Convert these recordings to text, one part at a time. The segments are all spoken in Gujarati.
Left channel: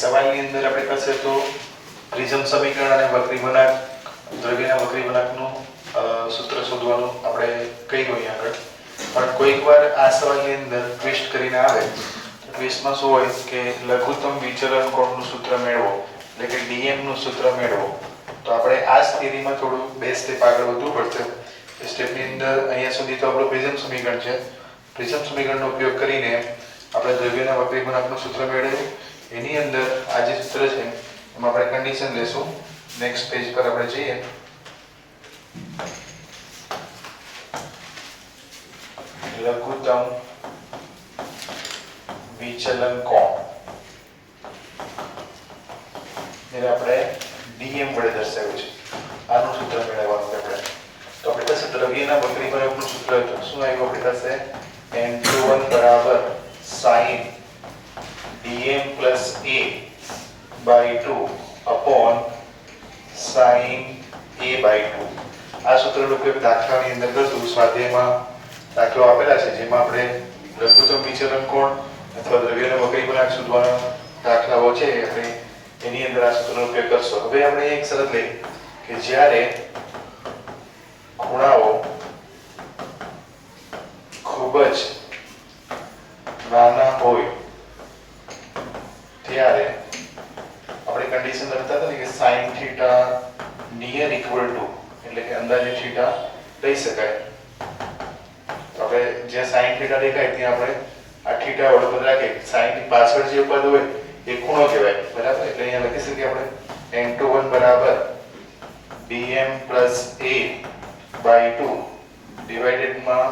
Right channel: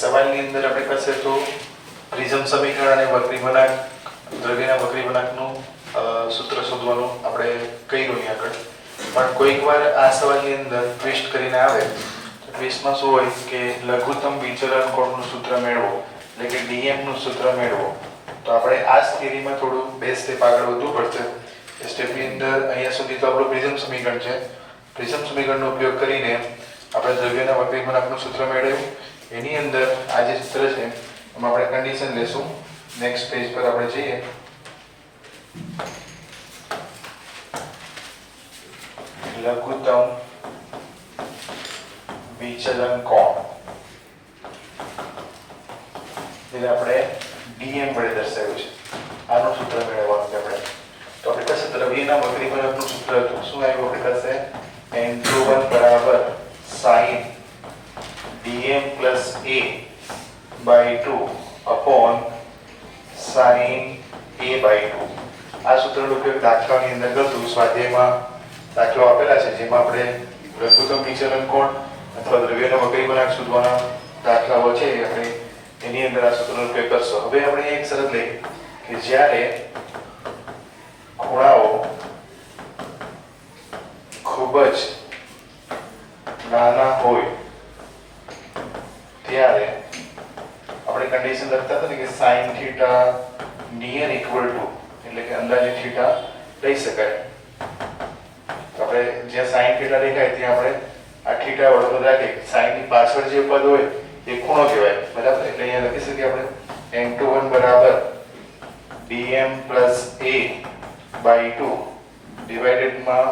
સવાલની અંદર આપણે કહેશે તો પ્રિઝમ સમીકરણ અને વક્રી વળાંક દ્રવ્યના વક્રી વળાંકનું સૂત્ર શોધવાનું આપણે કહ્યું અહીં આગળ. પણ કોઈક વાર આ સવાલની અંદર ટ્વિસ્ટ કરીને આવે તો ટ્વિસ્ટમાં શું હોય કે લઘુત્તમ વિચલન કોણનું સૂત્ર મેળવો, એટલે કે dm નું સૂત્ર મેળવો. તો આપણે આ સ્થિતિમાં થોડું 2 સ્ટેપ આગળ વધવું પડશે. એ સ્ટેપની અંદર અહીંયા સુધી તો આપણું પ્રિઝમ સમીકરણ છે. પ્રિઝમ સમીકરણનો ઉપયોગ કરીને આપણે દ્રવ્યના વક્રી વળાંકનું સૂત્ર મેળવ્યું. એની અંદર આ જે સૂત્ર છે એમાં આપણે કન્ડિશન લેશું. નેક્સ્ટ પેજ પર આપણે જઈએ. લઘુત્તમ વિચલન કોણ જેને આપણે dm વડે દર્શાવ્યું છે. આનું સૂત્ર મેળવવાનું છે આપણે. તો આપણે પાસે દ્રવ્યના વક્રી વળાંકનું સૂત્ર હતું. શું આવ્યું આપણી પાસે? n21 બરાબર sin dm plus a by 2 upon sin a by 2. આ સૂત્રનો ઉપયોગ દાખલાની અંદર કરતું. સ્વાધ્યાયમાં દાખલો આપેલા છે જેમાં આપણે લઘુત્તમ વિચલન કોણ અથવા દ્રવ્યનો વક્રી વળાંક શોધવાના દાખલાઓ છે આપણે એની અંદર આ સૂત્રનો ઉપયોગ કરશો. હવે આપણે એક શરત લઈએ કે જ્યારે ખૂણાઓ ખૂબ જ નાના હોય ત્યારે આપણે કન્ડિશન લખતા હતા કે sin θ near equal to એટલે કે અંદાજે θ લઈ શકાય. તો આપણે જ્યાં sin θ દેખાય ત્યાં આપણે આ θ વડે રાખીએ. sin ની પાછળ જે પદ હોય એ ખૂણો કહેવાય, બરાબર? એટલે અહીંયા લખી શકીએ આપણે n21 બરાબર dm plus a by 2 divided માં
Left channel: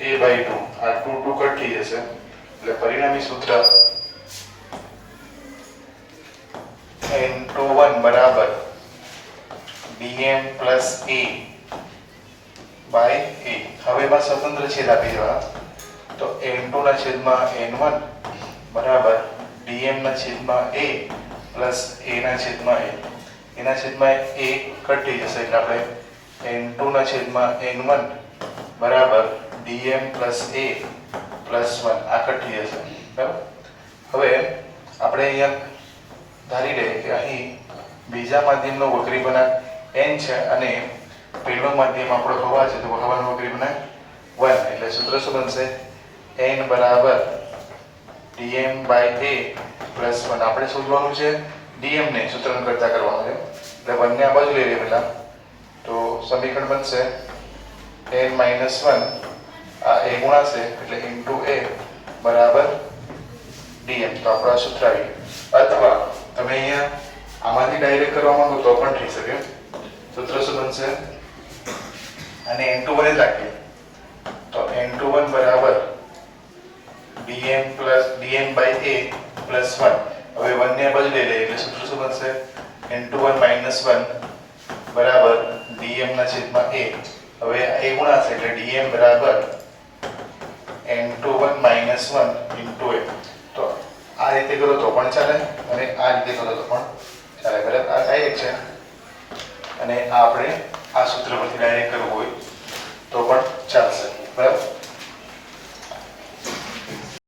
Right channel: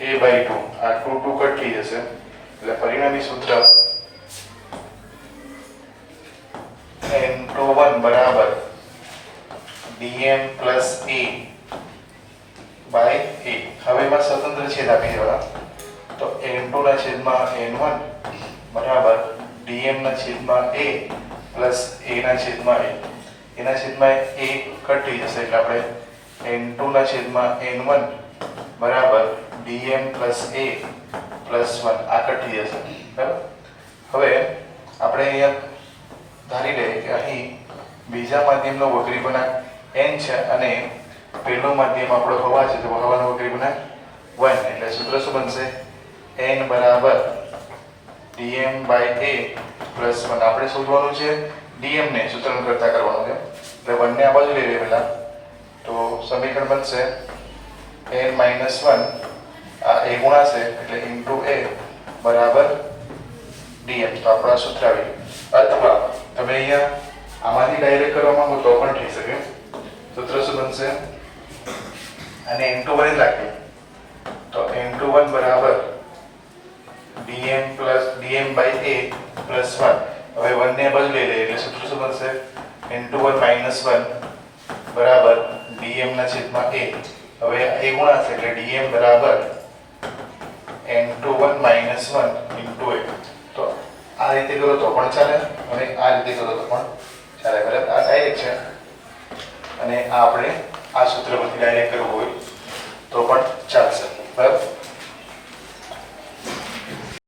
a by 2. આ 2 2 કટ થઈ જશે એટલે પરિણામી સૂત્ર n21 બરાબર dm plus a by a. હવે એમાં સ્વતંત્ર છેદ આપી દેવાના. તો n2 ના છેદમાં n1 બરાબર dm ના છેદમાં a plus a ના છેદમાં a. એના છેદમાં a કટ થઈ જશે એટલે આપણે n2 ના છેદમાં n1 બરાબર dm plus a plus 1 આ કટ થઈ જશે, બરાબર? હવે આપણે અહીંયા ધારી લઈએ કે અહીં બીજા માધ્યમનો વક્રી વળાંક n છે અને પહેલો માધ્યમ આપણો હવા છે, તો હવાનો વક્રી વળાંક 1. એટલે સૂત્ર શું બનશે? n બરાબર dm by a plus 1. આપણે શોધવાનું છે dm ને સૂત્રણ કરતા કરવાનું છે એટલે 1 ને આ બાજુ લઈ લઈએ પહેલા. તો સમીકરણ બનશે n minus 1 આ a ગુણાશે એટલે into a બરાબર dm. તો આપણો સૂત્ર આવી ગયું. અથવા તમે અહીંયા આમાંથી ડાયરેક્ટ કરવા માંગો તો પણ થઈ શકે. સૂત્ર શું બનશે? અને n21 જ રાખીએ તો n21 બરાબર dm by a plus 1. હવે 1 ને બાજુ લઈ લઈએ એટલે સૂત્ર શું બનશે? n21 minus 1 બરાબર dm ના છેદમાં a. હવે a ગુણાશે એટલે dm બરાબર n21 minus 1 into a. તો આ રીતે કરો તો પણ ચાલે અને આ રીતે કરો તો પણ ચાલે, બરાબર? આ ડાયરેક્ટ છે અને આ આપણે આ સૂત્ર પરથી ડાયરેક્ટ કરવું હોય તો પણ ચાલશે, બરાબર?